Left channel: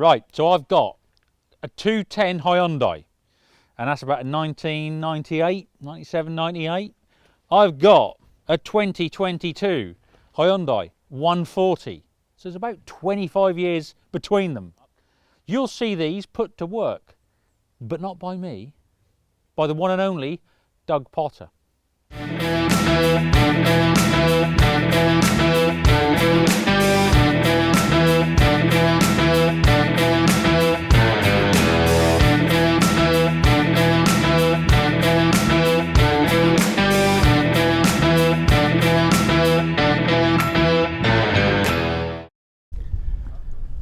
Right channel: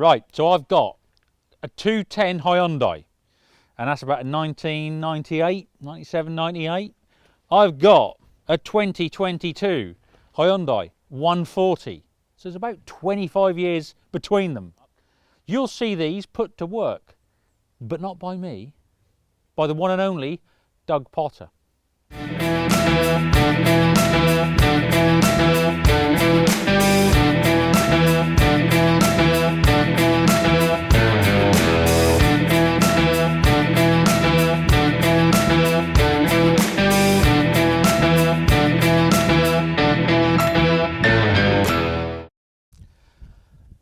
Right, so I've got a 210 Hyundai, and that's about a 1998, 97, 98. I've got a 2022 Hyundai 140. So there's about 25 years between them. You'll see these put to work, but not by me, by the one and only Doug Potter.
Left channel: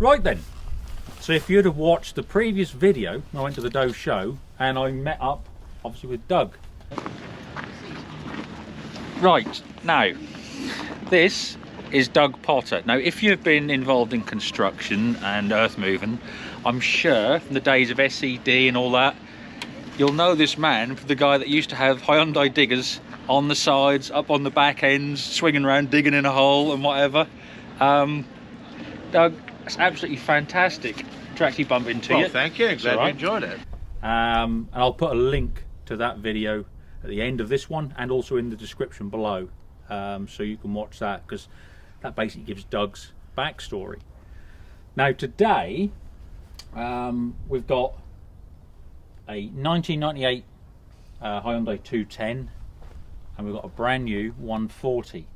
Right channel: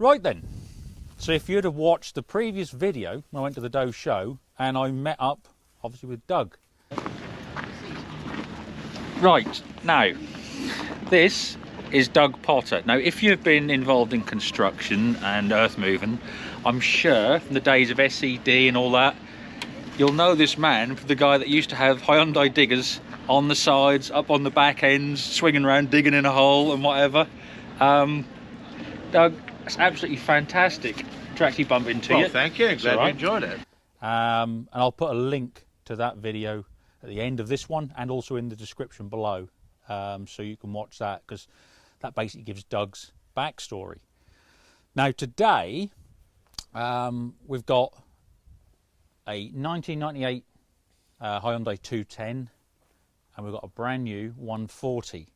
Right then, so if you'd have watched the previous video, I went to the Doe show and I met up obviously with Doug. Right, now this is Doug Potter. Now if you've been involved in construction and earth moving, I'm sure from the days of SED and all that, you'll know this man, the guy that used to have Hyundai diggers on the sides, up on the back ends, swinging around digging in a hole and whatever. Doug, it's absolutely fantastic to actually bump into you. Well, thank you. Glad you enjoyed it. And I'll put a link to that video at the end of this one and also in the description below, so you can watch that, because that basically gives Doug's backstory. Now today we've got a 1998 Hyundai 210 and we've got a brand new 140.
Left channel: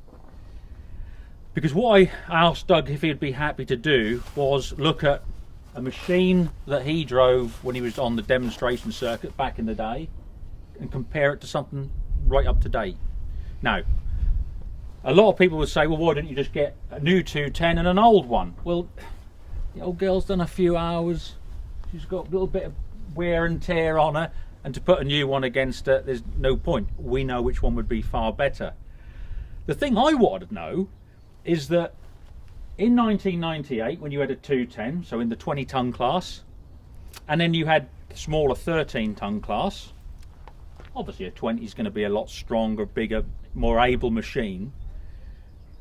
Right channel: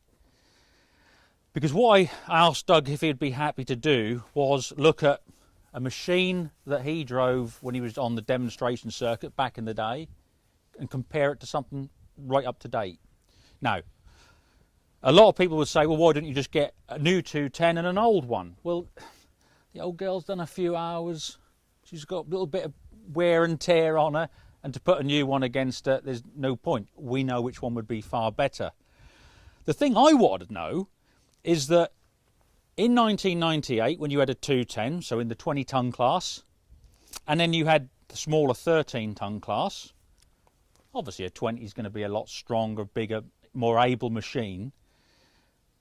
Because what I asked Doug if he'd be happy to do was look at a machine that he drove when he was on the demonstration circuit back in the day and compare it to something right up to date. Now, a lot of people would say, well, why don't you just get a new 210 and an old one? Well, the old girl's done a few hours, she's got a little bit of wear and tear on her, and to put a new one against her, there's no point. We know which one would be far better. The thing I wanted to know is that in 1998, when you had a 210, so in the 20-ton class, and then you had the smaller 13-ton class, obviously a 20 is going to be a lot stronger, bigger, more able machine.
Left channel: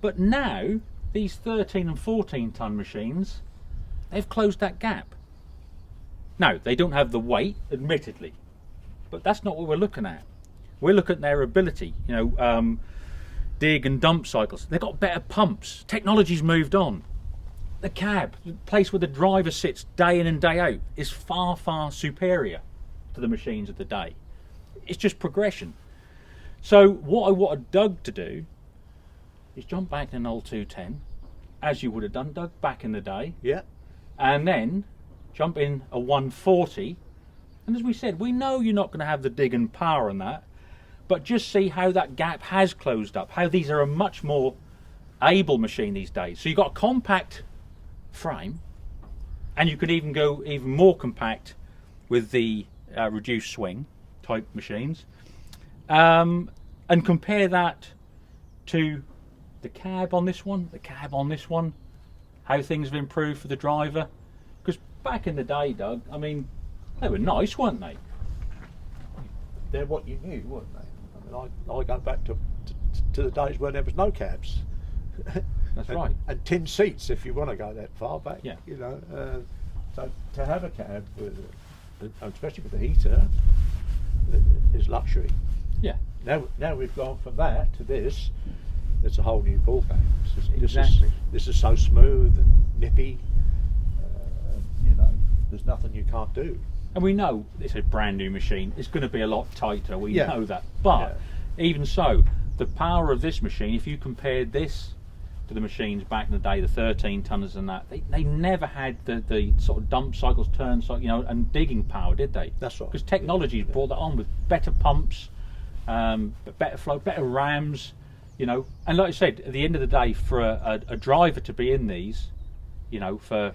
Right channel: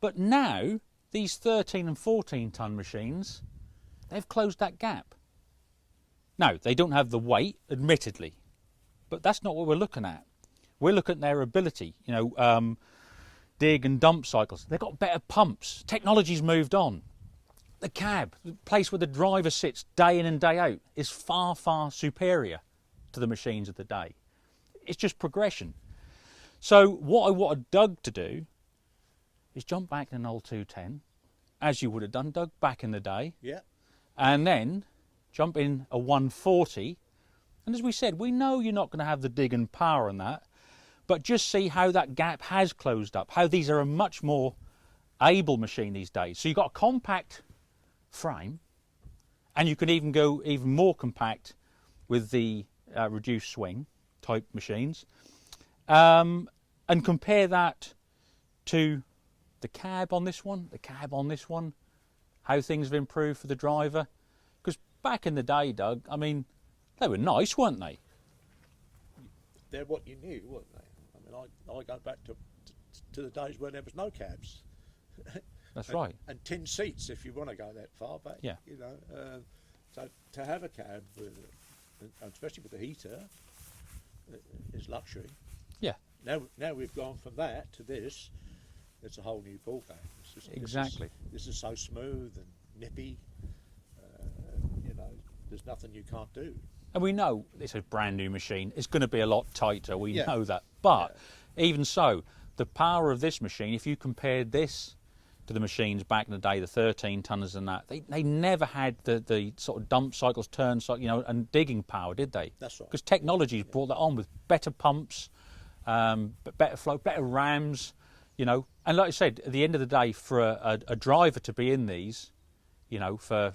But now, these 13 and 14-ton machines, they've closed that gap. Now, they don't have the weight, admittedly, but that's not what we're looking at. We're looking at their ability, you know, dig and dump cycles. They've got better pumps. Technology's moved on. The cab, the place where the driver sits day in and day out, is far, far superior to the machines of the day. It's just progression. So what I wanted Doug to do is jump back in an old 210, as you would have done, Doug, back in the day. Yeah. And then jump in a 140. And as we said, we know you're not going to have the dig and power on that, but just see how that gap has closed up, how these are a much more able machine these days. So you've got a compact frame, and you can even go even more compact with the reduced swing type machines, and compare that to the cab on this one, how things have improved for the driver. Because back in the day, Doug, I mean, they were nice, weren't they? They're what you knew, weren't they? I mean, I go back to the days when there was no cabs. That's right. And 10 seats, if you want to go that far back. Yeah. You know, so to have a cab, with, especially with the heater, is luxury. Yeah. Now we've gone from that to this. It's a whole new ballgame. Exactly. This is so smooth and nippy. You know, there's nothing you can't do. And we know it's a brand new machine. It's going to be a lot tighter. We know that. But even so, the power of this machine, if you compared this to the machines back in the day, the 13 tonners and that, they never had the sort of dump cycles, turn cycles, you know, and digging power, did they? That's right. Because technology's brought that on with better pumps, better flow, better rams, you know. And like I said, at the end of the day, for a driver to be in these, you know, for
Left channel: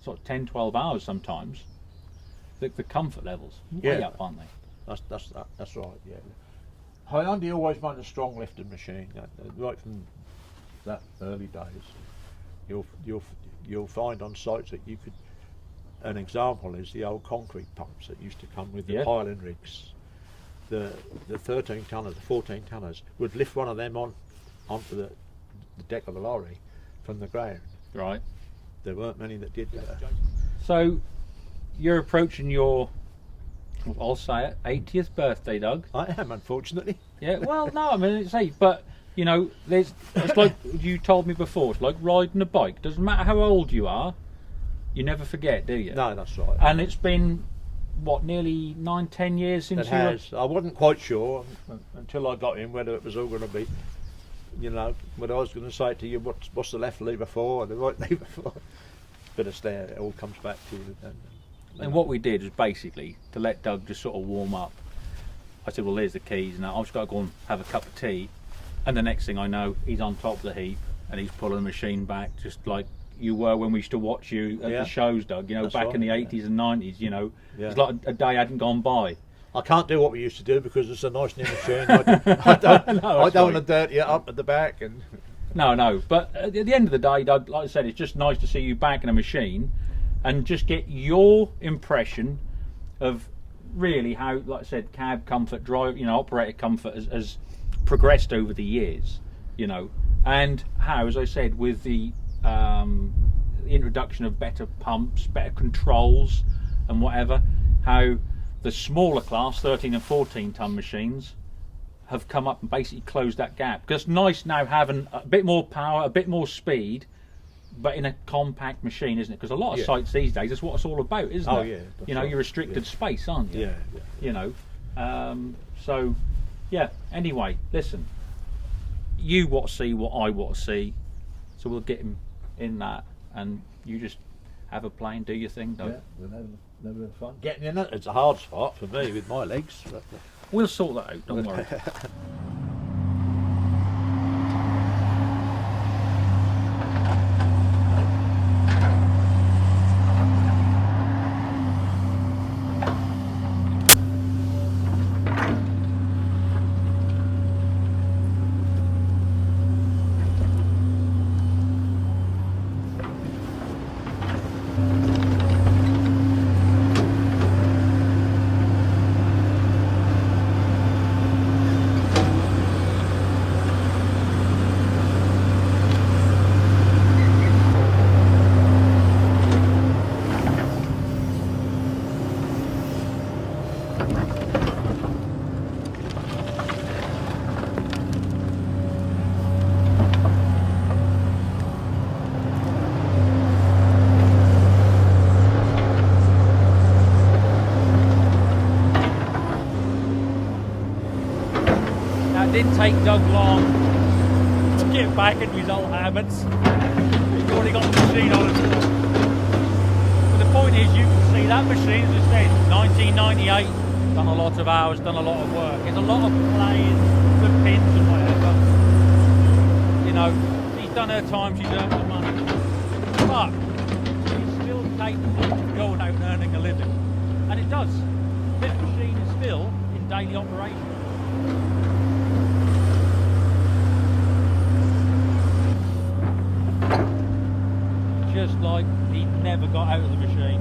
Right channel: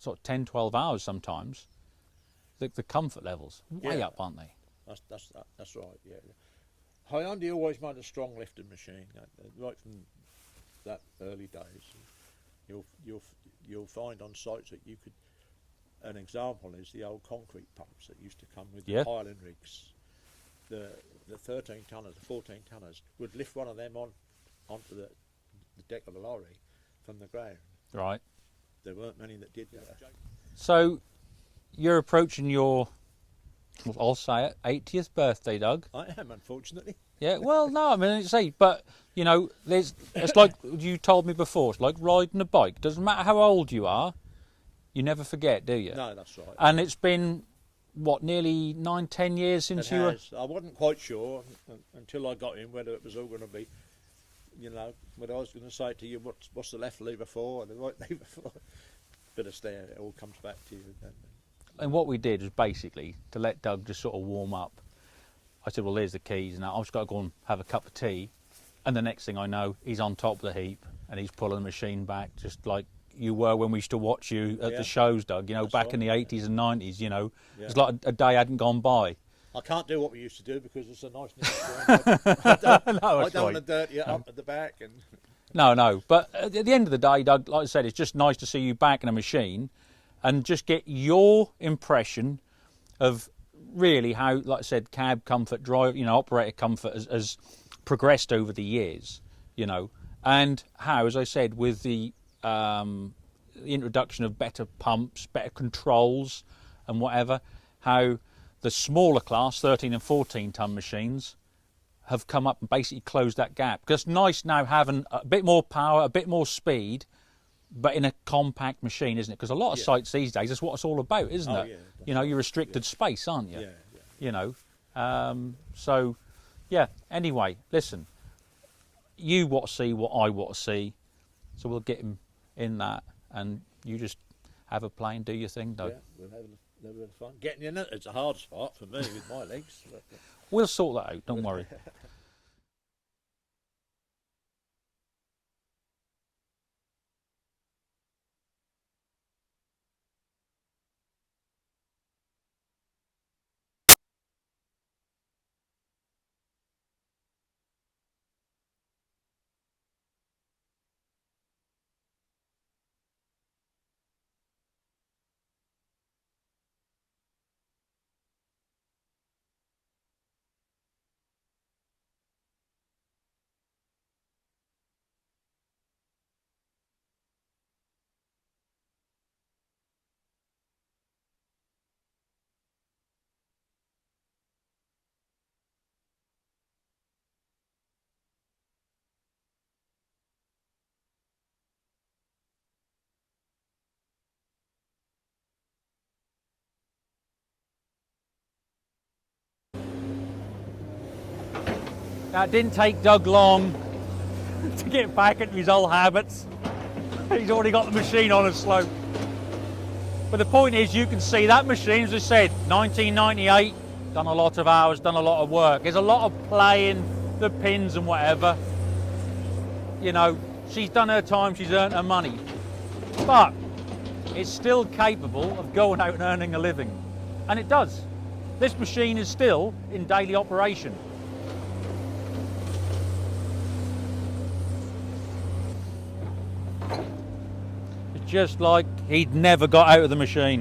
sort of 10, 12 hours sometimes, the comfort levels way up, aren't they? That's right. Yeah. Hyundai always wanted a strong lifting machine, right from that early days. You'll find on sites that you could. An example is the old concrete pumps that used to come with the piling rigs. The 13 tonners, the 14 tonners would lift one of them onto the deck of the lorry from the ground. Right. There weren't many that did that. So you're approaching your, I'll say it, 80th birthday, Doug. I am, unfortunately. Yeah, well, no, I mean, it's 8, but, you know, it's like you told me before, it's like riding a bike. Doesn't matter how old you are, you never forget, do you? No, that's right. And it's been, what, nearly 9-10 years since It has. I wasn't quite sure until I got in whether it was all going to be, you know, what I was going to say to you, what's the left lever for and the right lever for. But it's there, it all comes back to you. And what we did was basically to let Doug just sort of warm up. I said, well, here's the keys, and I've just got to go and have a cup of tea. And the next thing I know, he's on top of the heap and he's pulling the machine back, just like you were when we used to watch you at the shows, Doug. You know, That's back right, in the 80s and 90s. You know, Yeah. it's like a day hadn't gone by. I can't do what we used to do because it's a nice new machine. I don't want to dirty it up at the back. And No. But at the end of the day, Doug, like I said, it's just nice to see you back in a machine and just get your impression of really how, like I said, cab comfort, drive, you know, operator comfort has progressed over the years, you know, and how, as I said, with the introduction of better pumps, better controls and whatever, how the smaller class 13 and 14 ton machines have come up and basically closed that gap. Because it's nice now having a bit more power, a bit more speed, but in a compact machine, isn't it? Because a lot of sites these days, that's what it's all about, isn't it? Yeah, you know, right. you're restricted space, aren't you? Yeah. You know, so yeah. Anyway, listen, you want to see what I want to see, so we'll get him in that, and you just have a play and do your thing, Doug. Yeah, we'll never fun. Getting in it's a hard spot for me with my legs. But, We'll sort that out. Don't worry. Now, it didn't take Doug long to get back into his old habits. He's already got the machine on a slope. But the point is, you can see that machine, as I said, 1998, done a lot of hours, done a lot of work. There's a lot of playing the pins and whatever. You know, she's done her time, she's earned her money. But it's still capable of going out and earning a living. And it does. This machine is still in daily operation. Just like he'd never got out of the machine.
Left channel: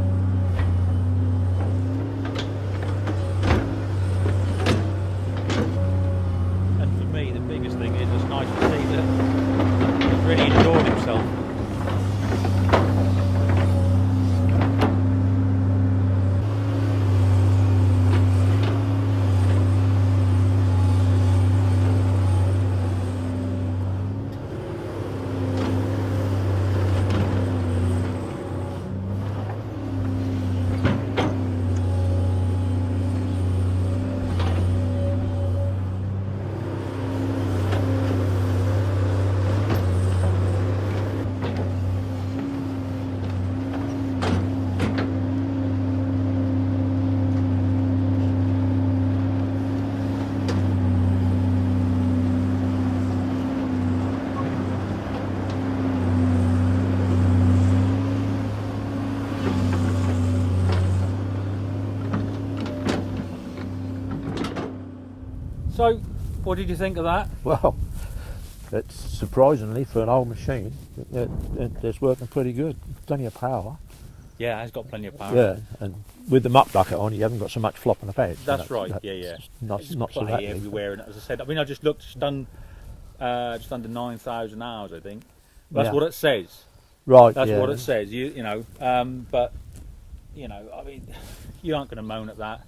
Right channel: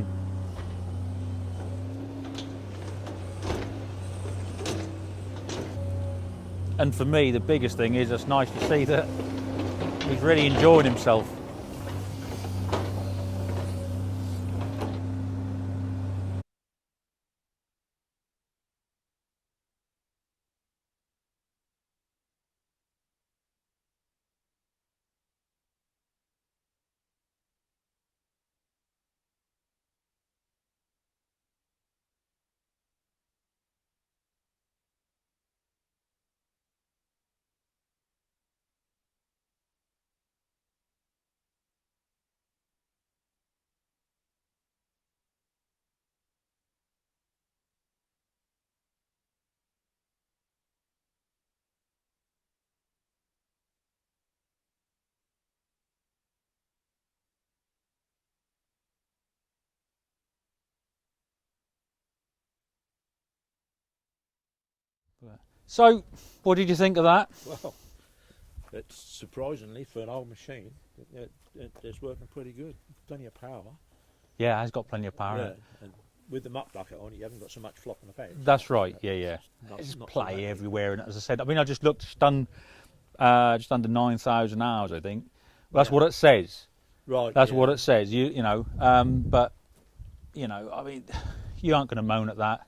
And for me, the biggest thing is it's nice to see that he's really enjoying himself. So, what did you think of that? well, it's surprisingly for an old machine, it's working pretty good. Plenty of power. Yeah, it has got plenty of power. Yeah, and with the muck bucket on, you haven't got so much flopping about. That's right. Yeah. Not It's so plenty that everywhere, and as I said, I mean, I just looked, it's done just under 9,000 hours, I think. That's what it says. Right. That's what it says. You know, but you know, I mean, you aren't going to moan at that.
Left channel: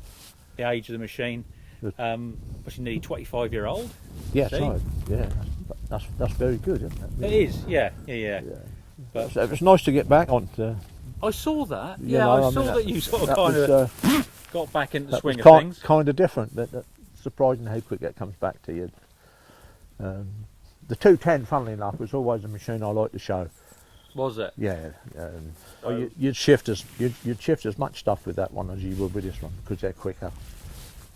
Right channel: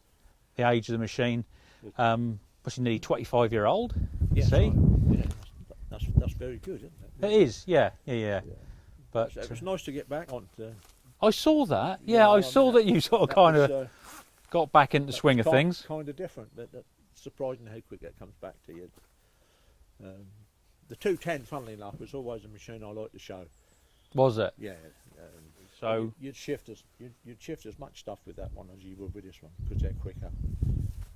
The age of the machine, which is nearly 25-year-old. Yeah, see? right. Yeah, that's very good, isn't it? It is, yeah. But So it was nice to get back on. I saw that. You Yeah, know, I saw that you sort of that kind was, of got back into the swing of was things. Kind of different, but surprising how quick it comes back to you. The 210, funnily enough, was always a machine I liked to show. Was it? Yeah. So you'd shift as much stuff with that one as you would with this one because they're quicker.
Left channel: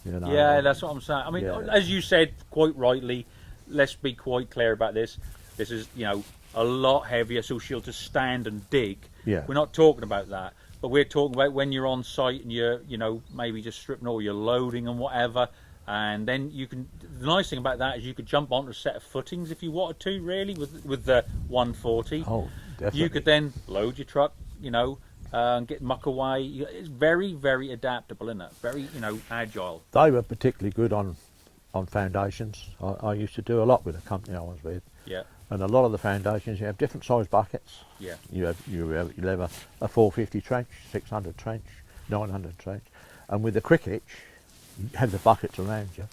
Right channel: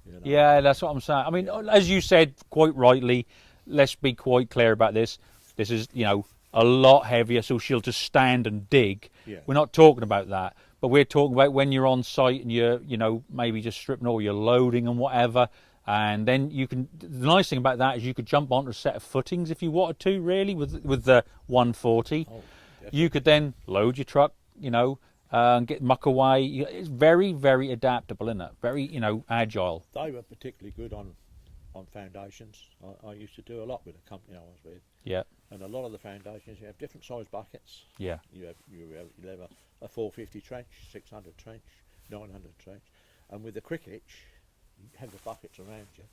You know? yeah, that's what I'm saying. I mean, as you said quite rightly, let's be quite clear about this. This is, you know, a lot heavier, so she'll just stand and dig. Yeah. We're not talking about that, but we're talking about when you're on site and you're, you know, maybe just stripping or you're loading and whatever. And then you can. The nice thing about that is you could jump onto a set of footings if you wanted to. Really, with the 140. Oh, definitely. You could then load your truck, you know, and get muck away. It's very, very adaptable, isn't it? Very, you know, agile. They were particularly good on foundations. I used to do a lot with the company I was with. Yeah. And a lot of the foundations, you have different size buckets. Yeah. You have a 450 trench, 600 trench, 900 trench, and with the cricket, you have the buckets around you,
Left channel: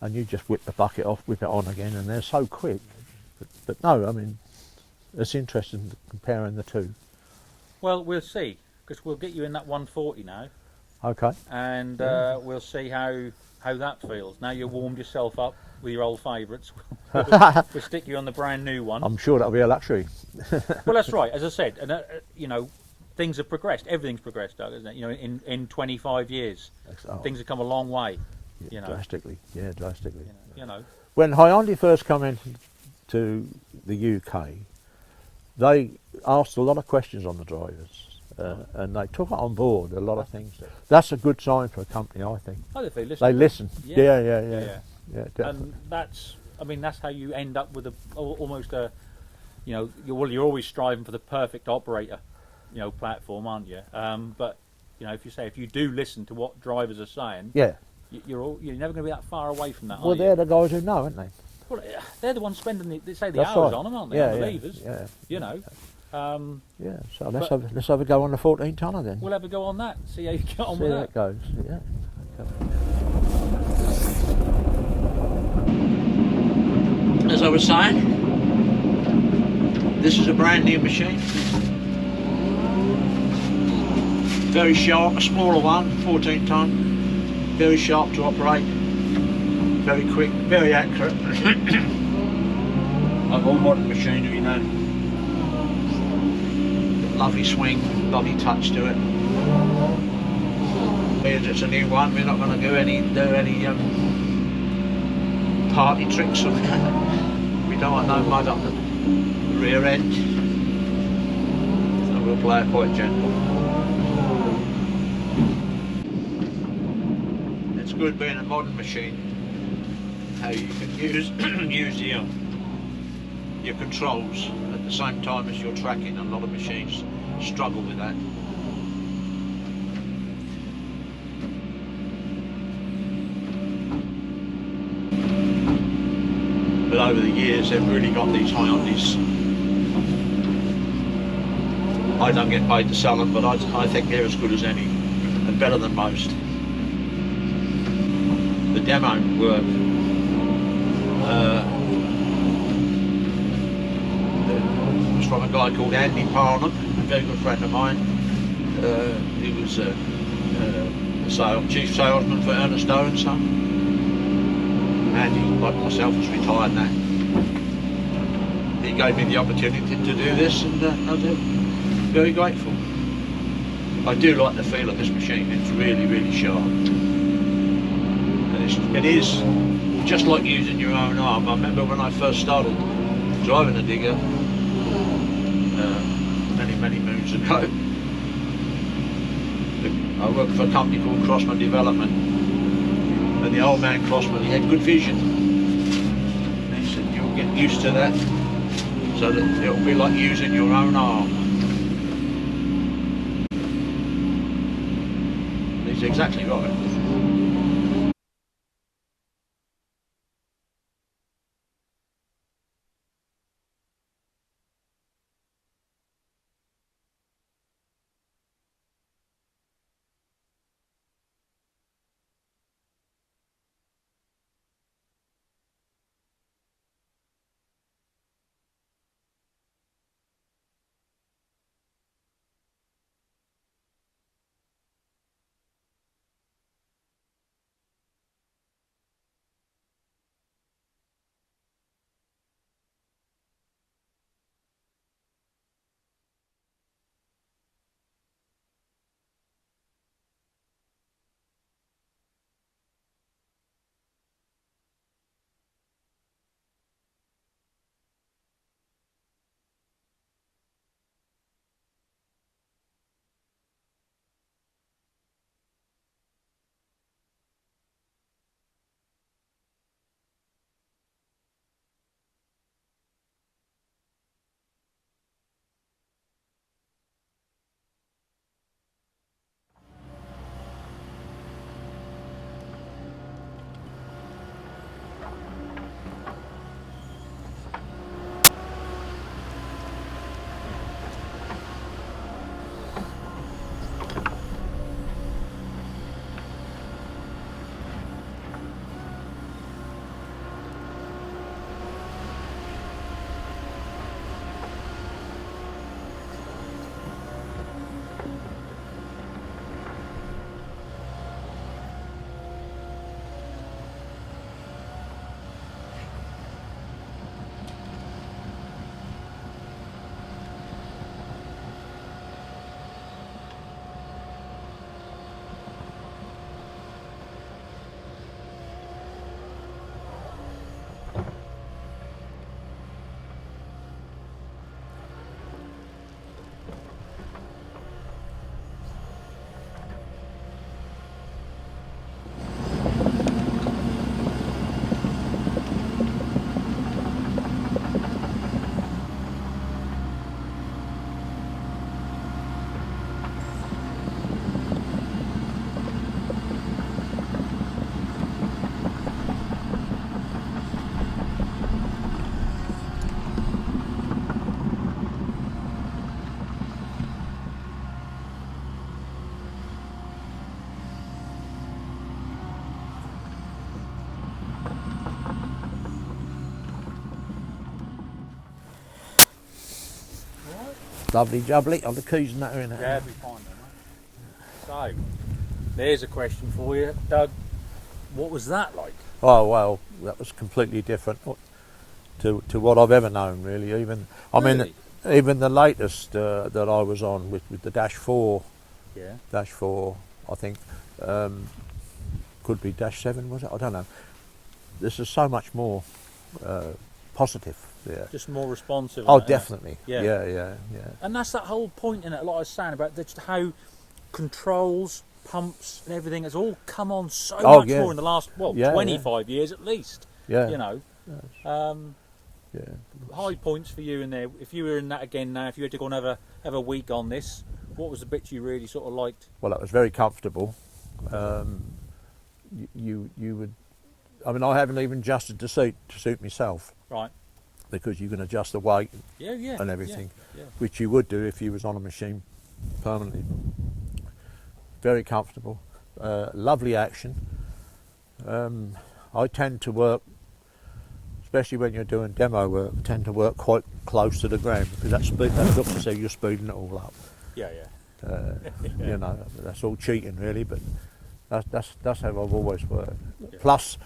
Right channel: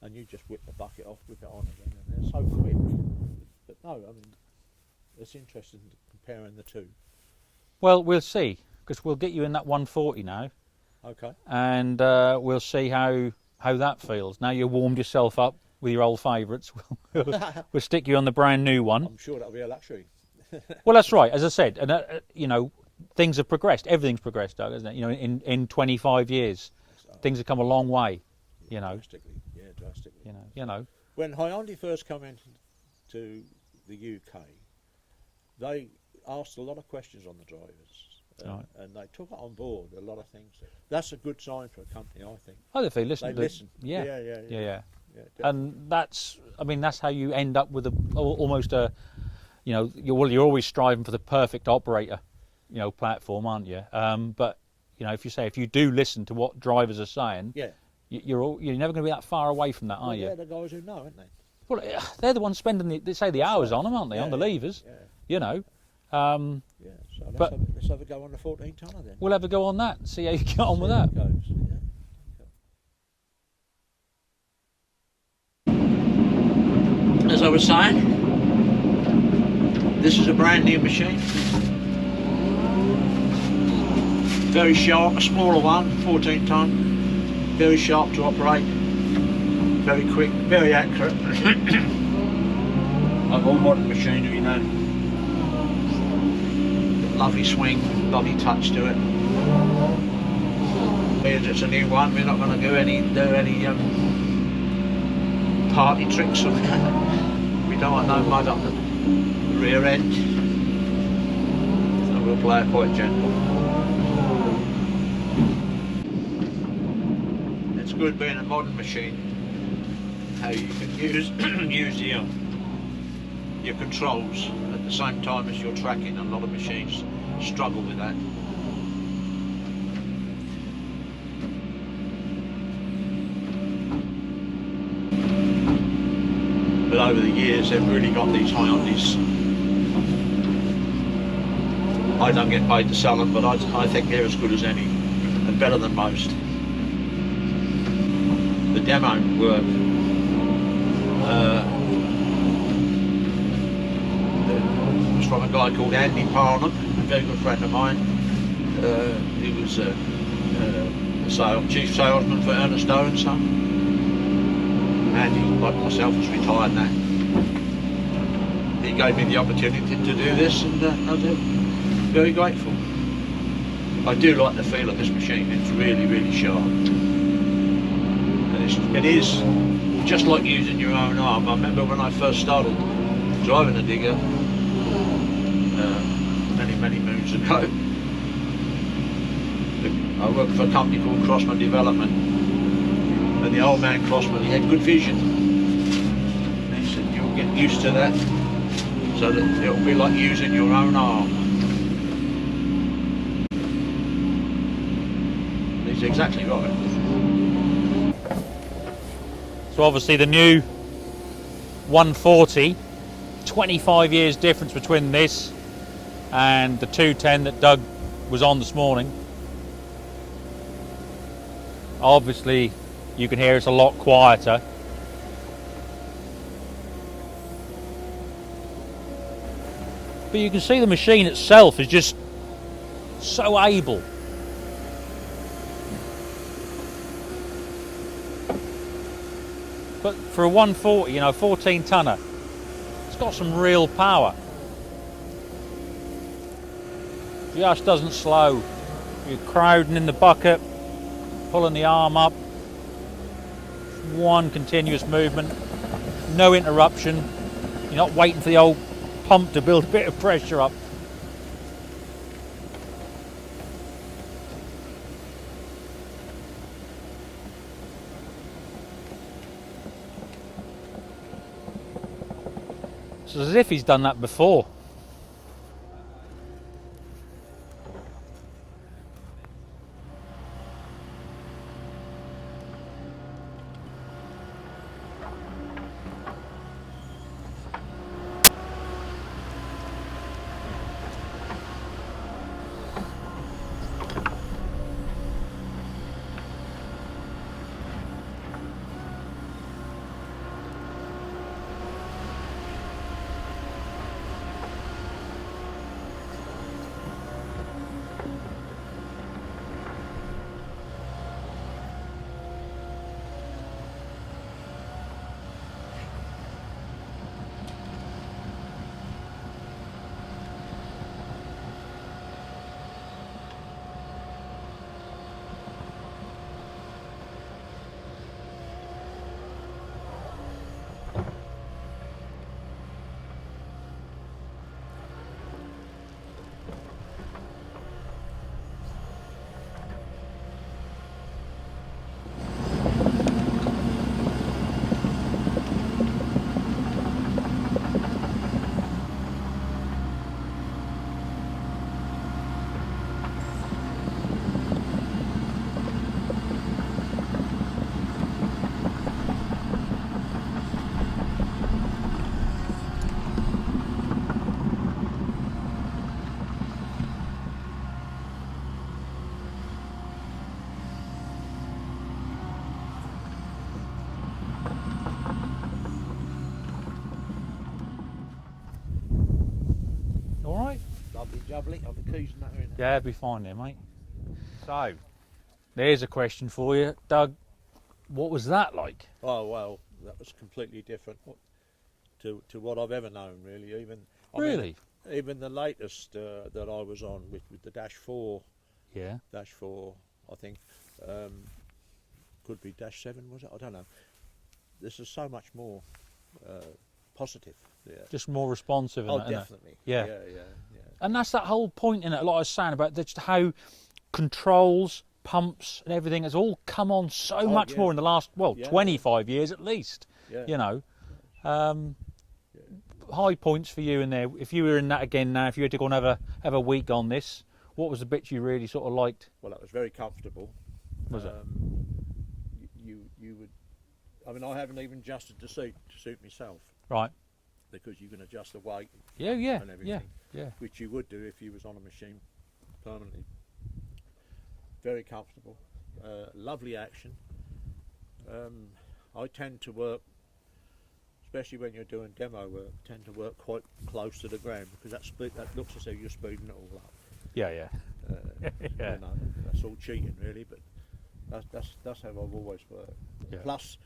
and you just whip the bucket off, whip it on again, and they're so quick. But no, I mean, it's interesting comparing the two. Well, we'll see, because we'll get you in that 140 now, Okay. and we'll see how that feels. Now you've warmed yourself up with your old favourites. We'll stick you on the brand new one. I'm sure that'll be a luxury. Well, that's right. As I said, and you know, things have progressed. Everything's progressed, Doug, isn't it? You know, in 25 years, things have come a long way. You know, Drastically. Yeah, drastically. you know. When Hyundai first came into the UK, they asked a lot of questions on the drivers, and they took it on board a lot of things. That's a good sign for a company, I think. Oh, if they listen. They listen. Yeah. Yeah, And that's, I mean, that's how you end up with almost a, you know, you're always striving for the perfect operator, you know, platform, aren't you? But you know, if you do listen to what drivers are saying, yeah. You're never going to be that far away from that, are Well, you? they're the guys who know, aren't they? Well, they're the ones spending the That's hours right. on them, aren't they? Yeah, On the yeah, levers, yeah. you know. Yeah, so let's have a go on the 14 tonner then. We'll have a go on that. See how you get on See with how that. it goes. Yeah. As I was saying, this is a brand new machine. Very sharp, a smaller one, 14 ton. Very sharp to operate. Very quick, very accurate. Like all modern machinery, you know. Lovely swing, lovely touch to it. It's a new one. We're not going to do any party tricks on it. We don't want no mud up the rear end, so we'll play it quite gentle. It's good being a modern machine, how you can use your controls at the same time as your tracking. A lot of machines struggle with that. But over the years they've really got these Hyundais. I don't get paid to sell them, but I think they're as good as any and better than most. The demo work was from a guy called Andy Parnham, a very good friend of mine. He was chief salesman for Ernest Owen Son. Andy, like myself, was retired now. He gave me the opportunity to do this, and I was very grateful. I do like the feel of this machine. It's really, really sharp. And it is just like using your own arm. I remember when I first started driving a digger many moons ago. I worked for a company called Crossman Development, and the old man Crossman, he had good vision. And he said, you'll get used to that, so that it'll be like using your own arm. And he's exactly right. So obviously the new 140, 25 years difference between this and the 210 that Doug was on this morning. Obviously, you can hear it's a lot quieter. But you can see the machine itself is just so able. But for a 140, 14 tonner, it's got some real power. Just doesn't slow. You're crowding in the bucket, pulling the arm up. One continuous movement, no interruption. You're not waiting for the old pump to build a bit of pressure up. It's as if he's done that before. Lovely jubbly. Oh, the keys and that are in there. Yeah, it'll be fine there, mate. So, there's a question for you, Doug. What was that like? Oh well, that was completely different to what I've ever known, really. Even Really? even the latest that I was on with the Dash 4. Yeah. Dash 4, I think. Could be Dash 7, was it? I don't know. This is so much more positive. Yeah. Just more responsive. Oh, and that, definitely. Yeah. Yeah. And that's that whole point in it, like I was saying, about just how controls, pumps and everything has all come on so much more in the last, 25 years at least. Yeah. You know. Yeah. High points for you in there. If you were in that again now, if you had to go and have a week on this, what was the bit you really sort of liked? Well, that was very comfortable. You would, I mean, I haven't even adjusted the seat to suit myself. Right. Because you can adjust the weight and everything, yeah. which you would do if you was on a machine permanently. Very comfortable, lovely action. I tend to work, especially when you're doing demo work, tend to work quite close to the ground because that looks as though you're speeding it all up. Yeah. You know, that's all cheating really, but that's how I've always worked. Yeah. Plus,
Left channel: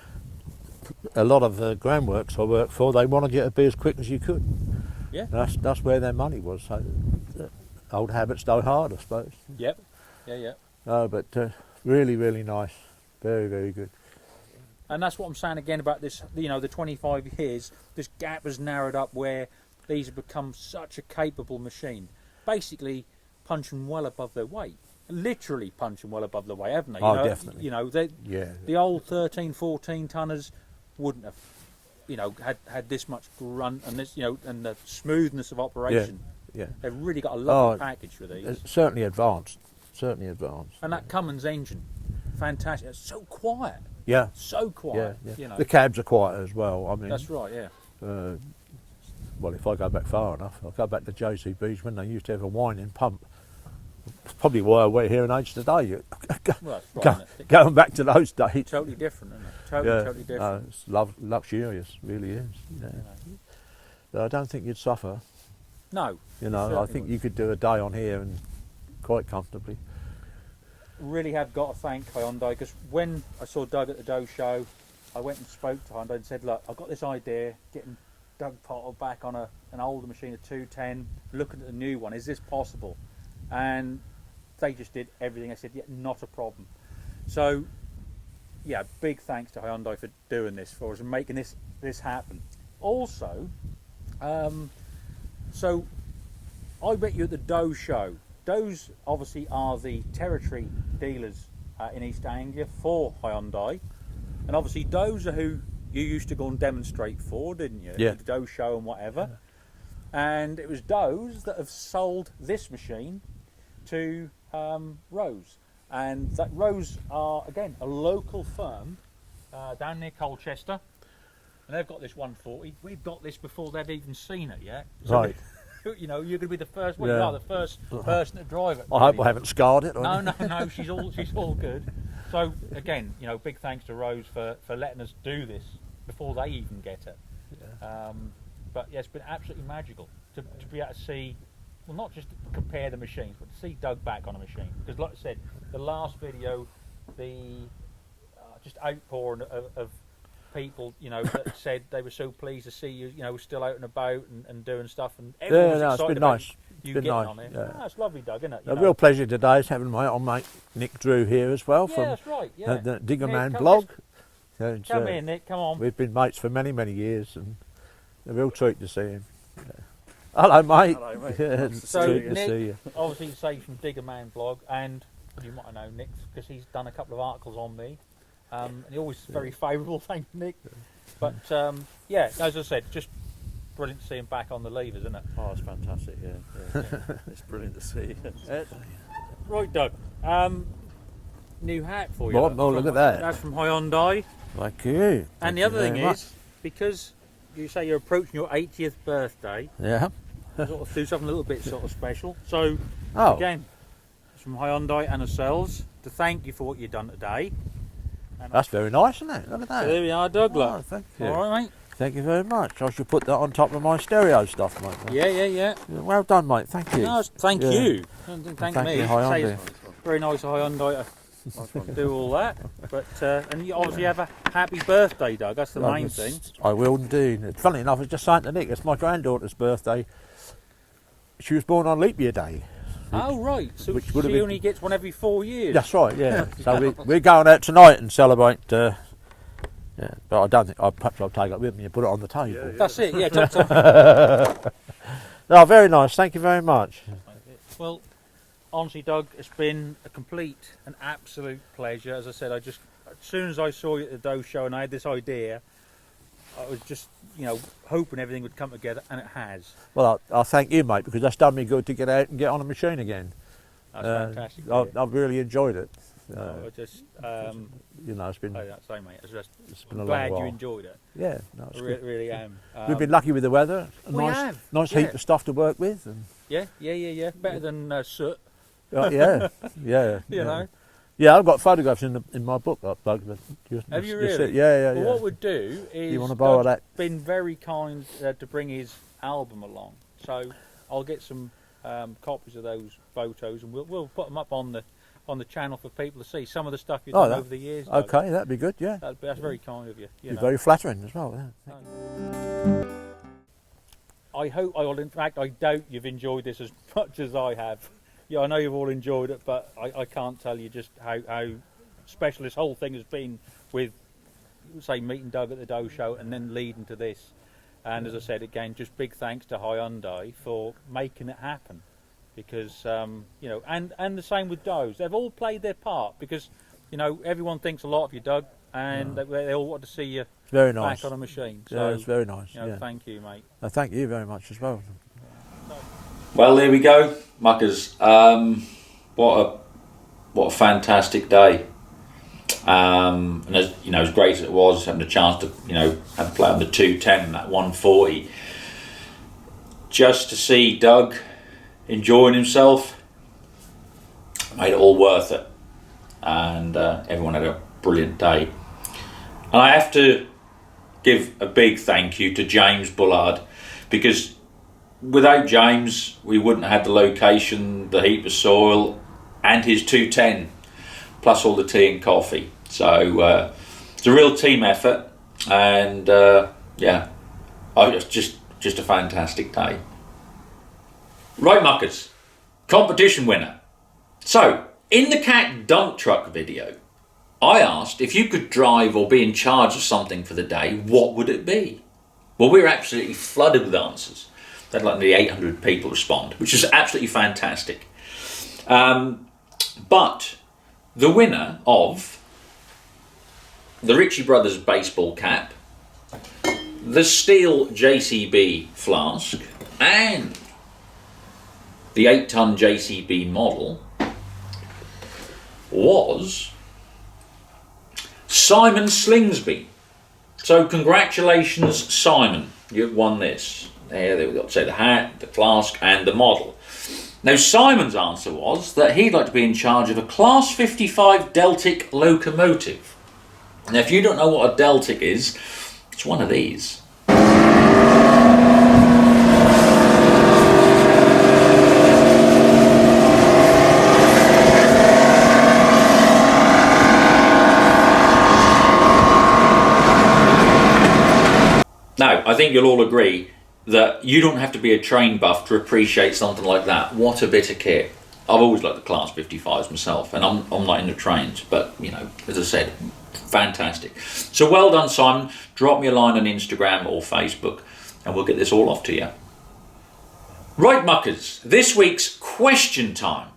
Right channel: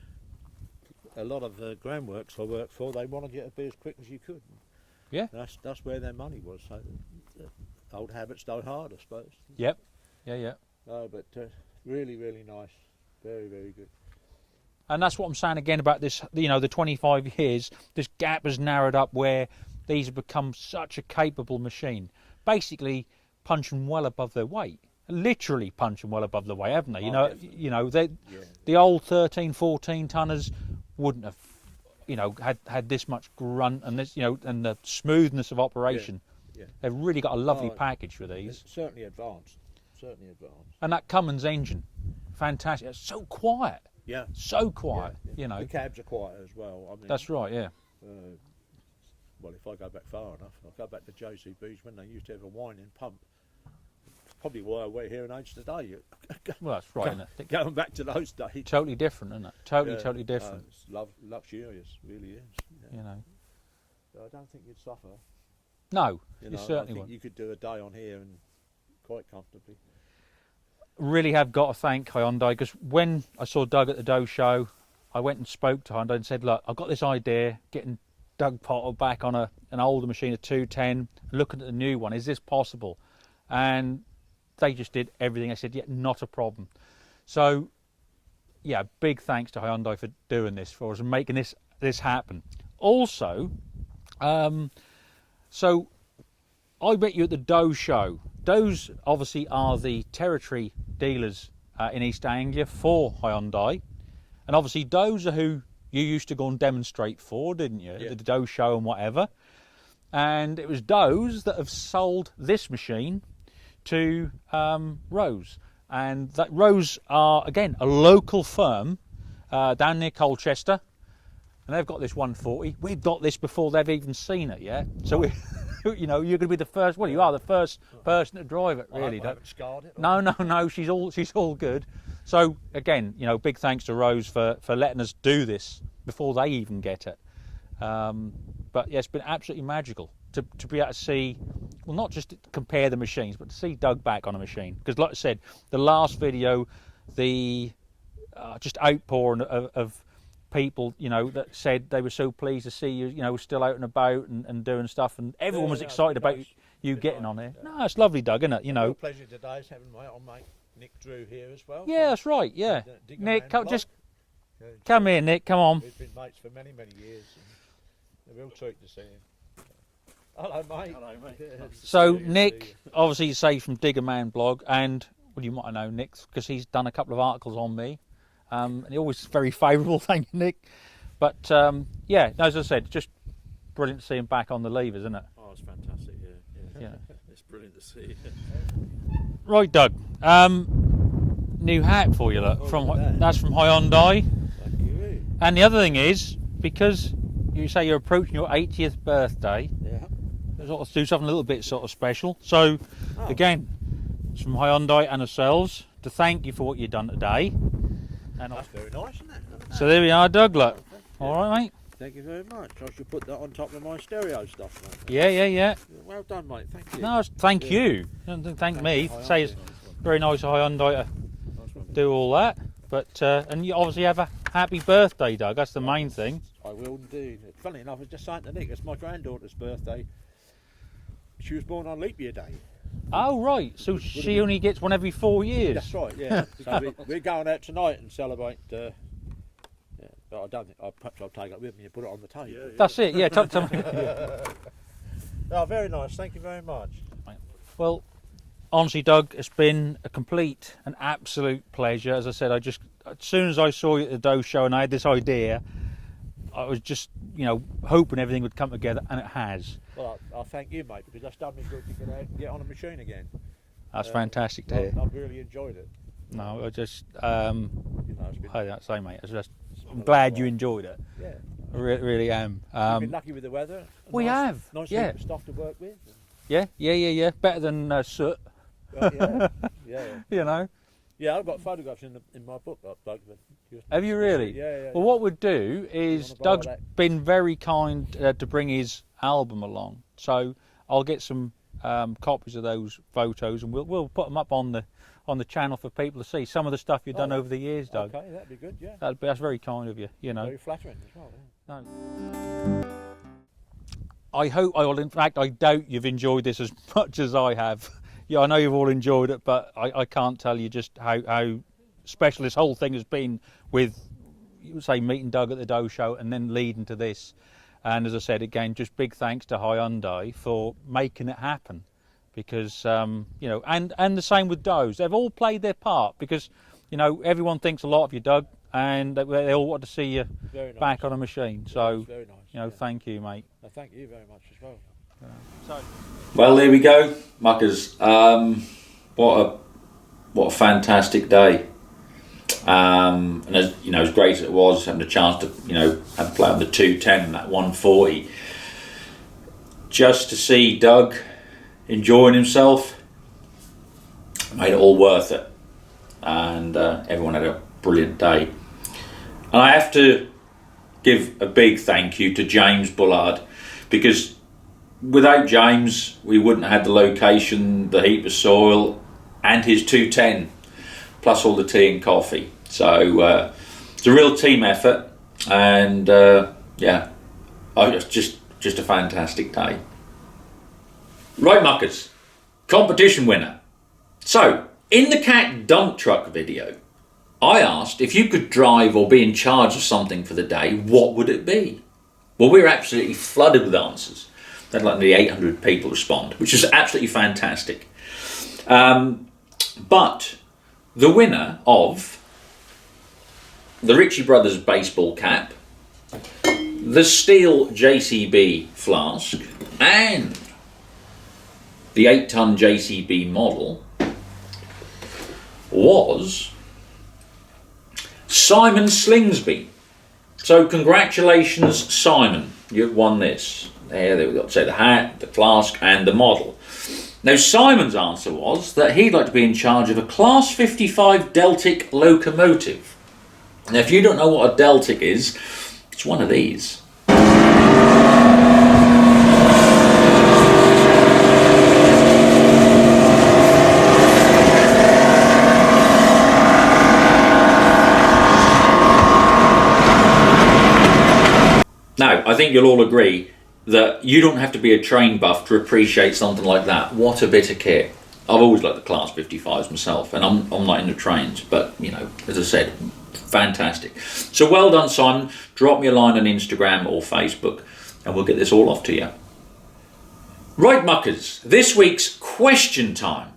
a lot of the groundworks I work for, they wanted you to be as quick as you could. Yeah. That's where their money was. So, old habits die hard, I suppose. Yep. Yeah. But really, really nice. Very, very good. And that's what I'm saying again about this, the 25 years, this gap has narrowed up where these have become such a capable machine. Basically punching well above their weight. Literally punching well above the weight, haven't they? Definitely. The old 13, 14 tonners wouldn't have, had this much grunt and this, and the smoothness of operation. Yeah. They've really got a lovely package for these. It's certainly advanced. And that Cummins engine, fantastic. It's so quiet. Yeah. So quiet. Yeah. The cabs are quiet as well. I mean, that's right. Yeah. Well, if I go back far enough, I'll go back to JCB's when they used to have a whining pump. probably why I wear hearing aids today. Well, that's right, isn't it? Going back to those days. Totally different, isn't it? Totally different. It's luxurious, really is. Yeah. You know. But I don't think you'd suffer. No. You know, I think you could do a day on here and quite comfortably. Really have got to thank Hyundai, because when I saw Doug at the Doe show, I went and spoke to Hyundai and said, look, I've got this idea, getting Doug Potter back on an older machine, a 210, looking at the new one, is this possible? And they just did everything. I said, yeah, not a problem. So, yeah, big thanks to Hyundai for doing this for us and making this happen. Also, so I met you at the Doe show. Doe's obviously are the territory dealers in East Anglia for Hyundai, and obviously Doe's are who you used to go and demonstrate for, didn't you? Yeah. At the Doe show and whatever. And it was Doe's that have sold this machine to Rose, and that Rose are again a local firm down near Colchester, and they've got this 140. We've got this before they've even seen it yet. So. Right. You know, you're going to be the first. Well, you are the first person to drive it. I hope I haven't scarred it. No. She's all good. So again, you know, big thanks to Rose for letting us do this before they even get it. But yeah, it's been absolutely magical to be able to see. Well, not just to compare the machines, but to see Doug back on a machine. Because, like I said, the last video, the just outpouring of people, you know, that said they were so pleased to see you, you know, still out and about and doing stuff, and everyone was excited about you getting on it. Yeah. It's lovely, Doug, isn't it? A real pleasure today is having my old mate Nick Drew here as well. Yeah, that's right. Yeah, the Digger Nick, Man blog. Come here, Nick. Come on. We've been mates for many years, and a real treat to see him. Yeah. Hello, mate. Hello, mate. Yeah, So good to see Nick, you. obviously, you say from Digger Man blog, and well, you might know Nick because he's done a couple of articles on me. And he's always very favourable. Thank you, Nick. But yeah, as I said, just brilliant to see him back on the levers, isn't it? Oh, it's fantastic, yeah. It's brilliant to see. Right, Doug. New hat for you. Look at that. That's from Hyundai. Thank you. And the other thing Very much. is, because you say you're approaching your 80th birthday, Yeah. sort of do something a little bit sort of special. So, Oh. again, it's from Hyundai and ourselves to thank you for what you've done today. And That's very nice, isn't it? Look at that. so there we are, Doug. Look. Oh, thank you. All right, mate. Thank you very much. I should put that on top of my stereo stuff, mate. Yeah. Well done, mate. Thank you. No, thank Yeah. you. Don't thank me. you, Say Hyundai. it's very nice of Hyundai to do all that. But and you obviously have a happy birthday, Doug. That's the main thing. I will indeed. Funny enough, I was just saying to Nick, it's my granddaughter's birthday. She was born on leap year day. Oh right, so Which would have she been- only gets one every 4 years. That's right, yeah. So we're going out tonight and celebrate. Yeah, but I don't think perhaps I'll take it with me and put it on the table. That's it. Yeah. No, very nice. Thank you very much. Well, honestly, Doug, it's been a complete and absolute pleasure. As I said, as soon as I saw you at the Doe show and I had this idea, I was just, you know, hoping everything would come together, and it has. Well, I'll thank you, mate, because that's done me good to get out and get on a machine again. That's fantastic. To I've, hear. I've really enjoyed it. No, I just, You know, it's been. I say, mate, been a long glad you while. enjoyed it. Yeah, no, I really am. we've been lucky with the weather. we have, Nice yeah. heap of stuff to work with. And, Yeah. Better than soot. yeah. You know. Yeah, I've got photographs in my book, Doug. Have you really? Yeah. Well, what we'd do is wanna borrow Doug's that? been very kind to bring his album along, so I'll get some copies of those photos, and we'll put them up on the channel for people to see some of the stuff you've done over the years. Doug. Okay, that'd be good. Yeah, That's very kind of you. You know. very flattering as well. Yeah. No. I hope, in fact, I doubt you've enjoyed this as much as I have. Yeah, I know you've all enjoyed it, but I can't tell you just how special this whole thing has been with, say, meeting Doug at the Doe show and then leading to this. And as I said, again, just big thanks to Hyundai for making it happen. Because, you know, and the same with Doe's. They've all played their part because, you know, everyone thinks a lot of you, Doug, and they all want to see you Very nice. back on a machine. Yeah, So, it's very nice. you know, yeah. thank you, mate. Thank you very much as well. Well, there we go, muckers. What a fantastic day. And as you know, as great as it was, having a chance to, you know, have to play on the 210 and that 140, just to see Doug enjoying himself, made it all worth it, and everyone had a brilliant day. And I have to give a big thank you to James Bullard, because without James we wouldn't have had the location, the heap of soil, and his 210 plus all the tea and coffee. So it's a real team effort, and yeah, it's just a fantastic day. Right, muckers, competition winner. So in the cat dump truck video, I asked if you could drive or be in charge of something for the day, what would it be? Well, we were absolutely flooded with answers. They had like nearly 800 people respond, which is absolutely fantastic. But the winner of the Ritchie Brothers baseball cap, the steel JCB flask, and the 8-ton JCB model was Simon Slingsby. So congratulations, Simon, you've won this. There we've got to say the hat, the flask, and the model. Now Simon's answer was that he'd like to be in charge of a Class 55 Deltic locomotive. Now if you don't know what a Deltic is, it's one of these. Now, I think you'll all agree that you don't have to be a train buff to appreciate something like that. What a bit of kit. I've always liked the Class 55s myself, and I'm not into trains, but, you know, as I said, fantastic. So well done, Simon. Drop me a line on Instagram or Facebook, and we'll get this all off to you. Right, muckers, this week's question time.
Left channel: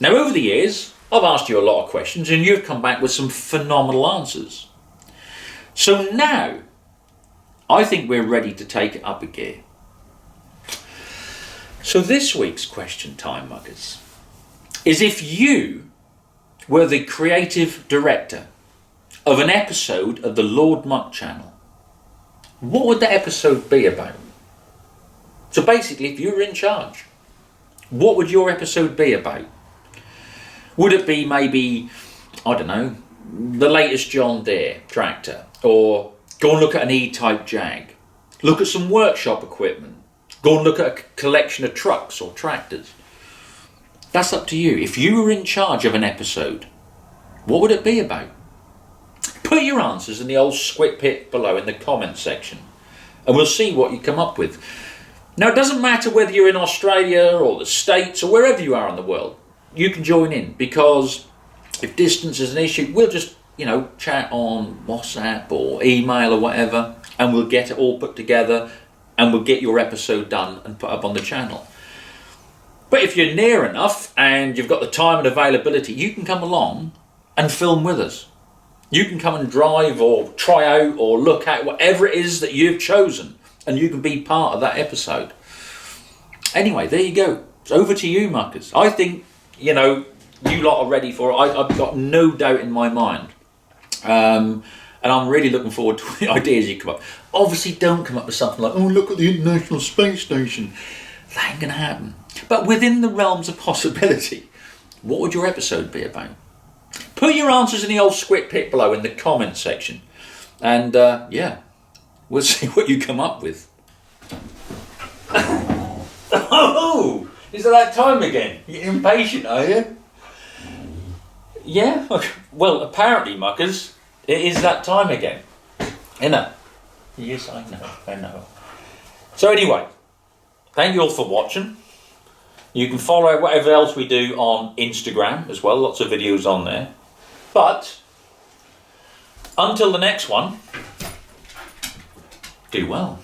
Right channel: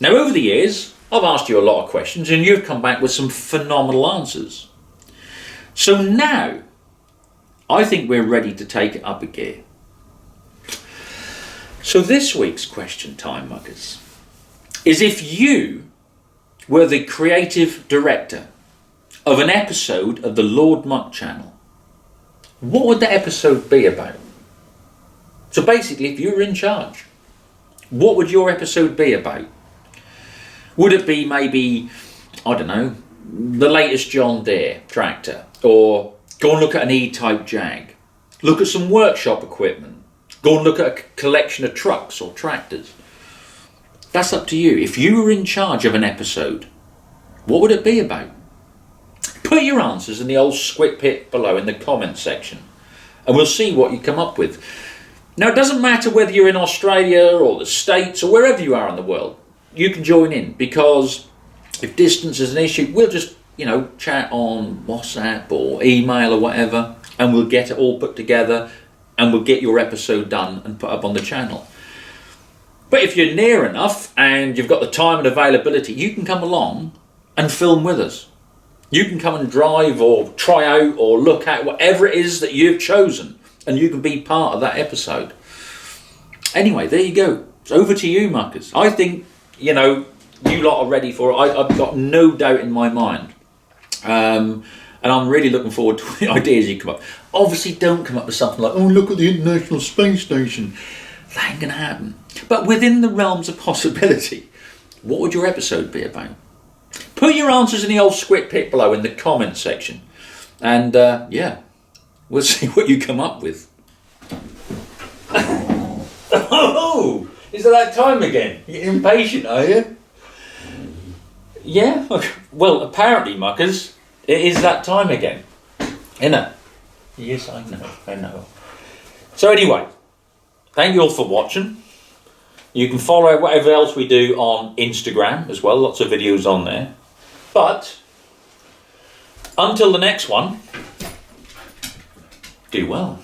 Now, over the years, I've asked you a lot of questions, and you've come back with some phenomenal answers. So now, I think we're ready to take it up a gear. So this week's question time, muckers, is if you were the creative director of an episode of the Lord Muck channel, what would the episode be about? So basically, if you were in charge, what would your episode be about? Would it be maybe, I don't know, the latest John Deere tractor, or go and look at an E-type Jag, look at some workshop equipment, go and look at a collection of trucks or tractors? That's up to you. If you were in charge of an episode, what would it be about? Put your answers in the old squid pit below in the comments section, and we'll see what you come up with. Now, it doesn't matter whether you're in Australia or the States or wherever you are in the world, you can join in, because if distance is an issue, we'll just, you know, chat on WhatsApp or email or whatever, and we'll get it all put together, and we'll get your episode done and put up on the channel. But if you're near enough and you've got the time and availability, you can come along and film with us. You can come and drive or try out or look at whatever it is that you've chosen, and you can be part of that episode. Anyway, there you go. It's over to you, muckers. I think, you know, you lot are ready for it. I've got no doubt in my mind. And I'm really looking forward to the ideas you come up. Obviously, don't come up with something like, oh, look at the International Space Station. That ain't going to happen. But within the realms of possibility, what would your episode be about? Put your answers in the old squid pit below in the comments section. And, yeah, we'll see what you come up with. Oh, is it that time again? You're impatient, are you? Yeah? Well, apparently, muckers, it is that time again. Isn't it? Yes, I know. So anyway, thank you all for watching. You can follow whatever else we do on Instagram as well. Lots of videos on there. But until the next one, do well.